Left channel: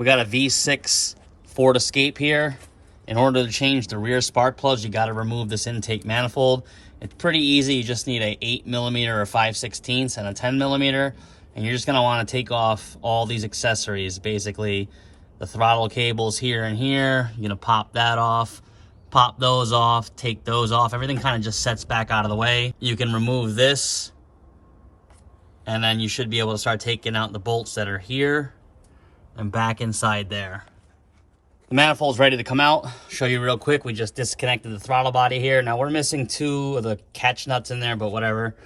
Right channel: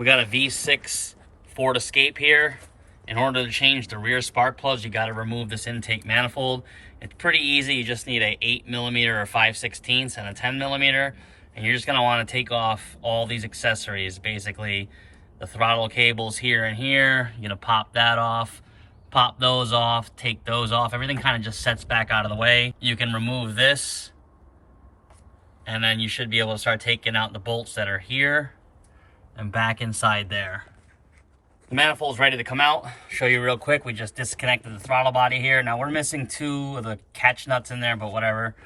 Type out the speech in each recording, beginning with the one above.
We got a V6 Ford Escape here. In order to change the rear spark plugs, you got to remove this intake manifold. It's pretty easy. You just need a 8mm or 5/16 and a 10mm. And you're just going to want to take off all these accessories. Basically, the throttle cables here and here. You're going to pop that off, pop those off, take those off. Everything kind of just sets back out of the way. You can remove this, and then you should be able to start taking out the bolts that are here and back inside there. The manifold's ready to come out. Show you real quick. We just disconnected the throttle body here. Now we're missing 2 of the catch nuts in there, but whatever.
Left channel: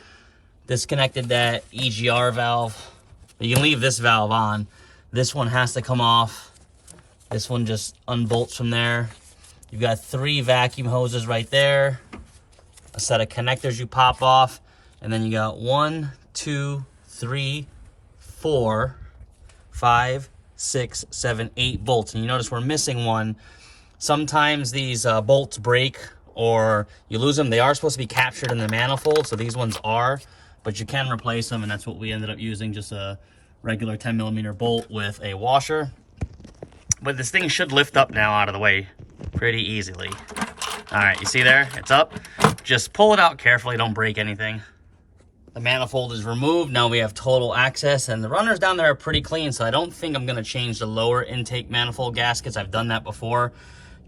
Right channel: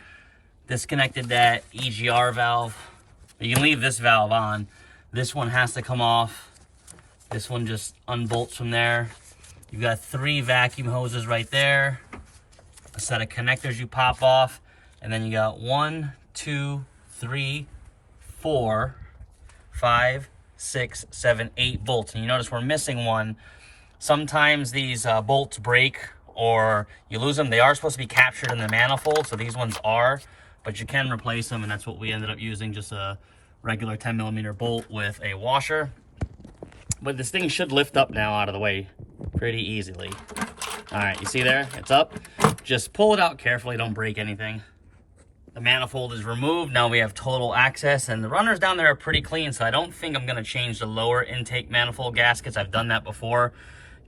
Disconnected that EGR valve. You can leave this valve on. This one has to come off. This one just unbolts from there. You've got 3 vacuum hoses right there. A set of connectors you pop off. And then you got 1, 2, 3, 4, 5, 6, 7, 8 bolts. And you notice we're missing one. Sometimes these bolts break or you lose them. They are supposed to be captured in the manifold, so these ones are, but you can replace them, and that's what we ended up using, just a regular 10mm bolt with a washer. But this thing should lift up now out of the way pretty easily. All right, you see there? It's up. Just pull it out carefully, don't break anything. The manifold is removed. Now we have total access, and the runners down there are pretty clean, so I don't think I'm gonna change the lower intake manifold gaskets. I've done that before.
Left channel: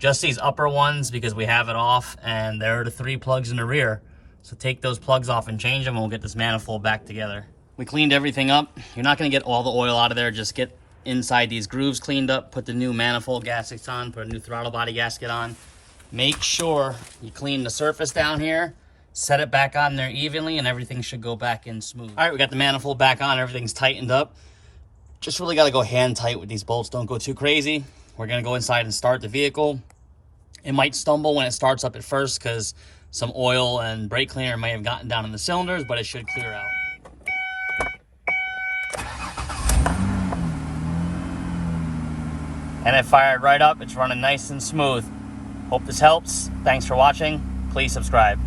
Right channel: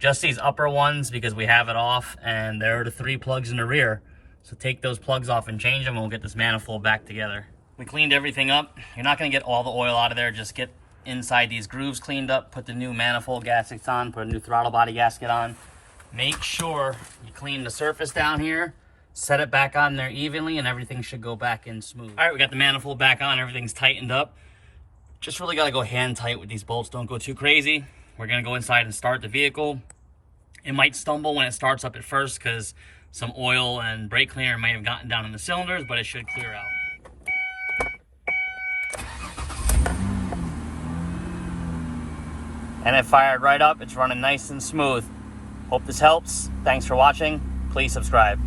Just these upper ones because we have it off, and there are the 3 plugs in the rear. So take those plugs off and change them, and we'll get this manifold back together. We cleaned everything up. You're not gonna get all the oil out of there. Just get inside these grooves cleaned up, put the new manifold gaskets on, put a new throttle body gasket on. Make sure you clean the surface down here. Set it back on there evenly, and everything should go back in smooth. All right, we got the manifold back on. Everything's tightened up. Just really got to go hand tight with these bolts. Don't go too crazy. We're going to go inside and start the vehicle. It might stumble when it starts up at first because some oil and brake cleaner may have gotten down in the cylinders, but it should clear out. And it fired right up. It's running nice and smooth. Hope this helps. Thanks for watching. Please subscribe.